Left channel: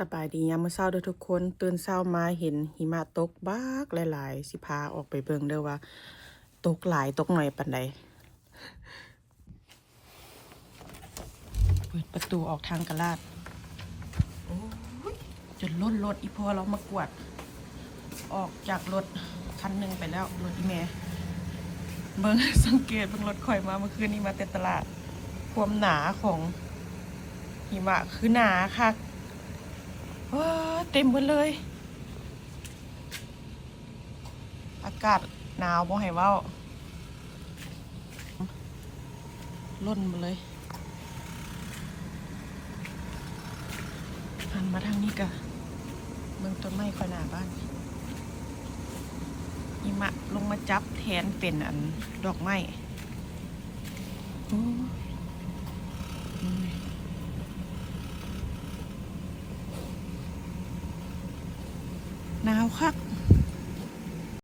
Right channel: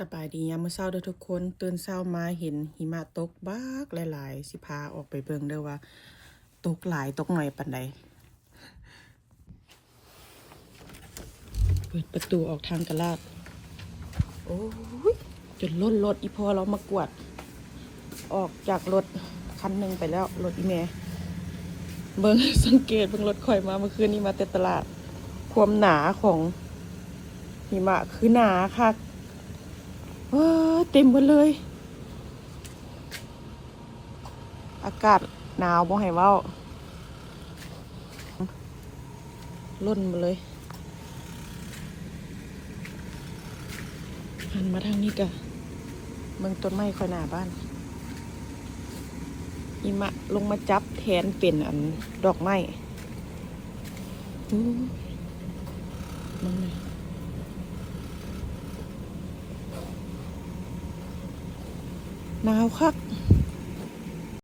สบายดียามมื้อเช้าเด้อทุกคนตื่นเช้ามาเห็นหิมะตกบักหลายๆสิพาออกไปเบิ่งเด้อว่าตกหลายตกน้อยปานใดเปิดประตูออกทางกะลาดโอ้ยจนล้นรถอีพ่อเรามากวดออกจากรถคันหนึงไปแล้วรถอีเมเบิ่ง สังเกตเบิ่งรถข่อยมาเมื่อคืนนี้มาแต่ตลาดความหนาของหิมะคือหนาค่ะเต็มหมดเลย อากาศหนาวบ่ให้เว้าล่นมาเลยหันมาทางนี้เด้อมันต้นไม้ขนาดบ้านหิมะลงมาจับแทนเป็นอันดอกไม้หนาวคัก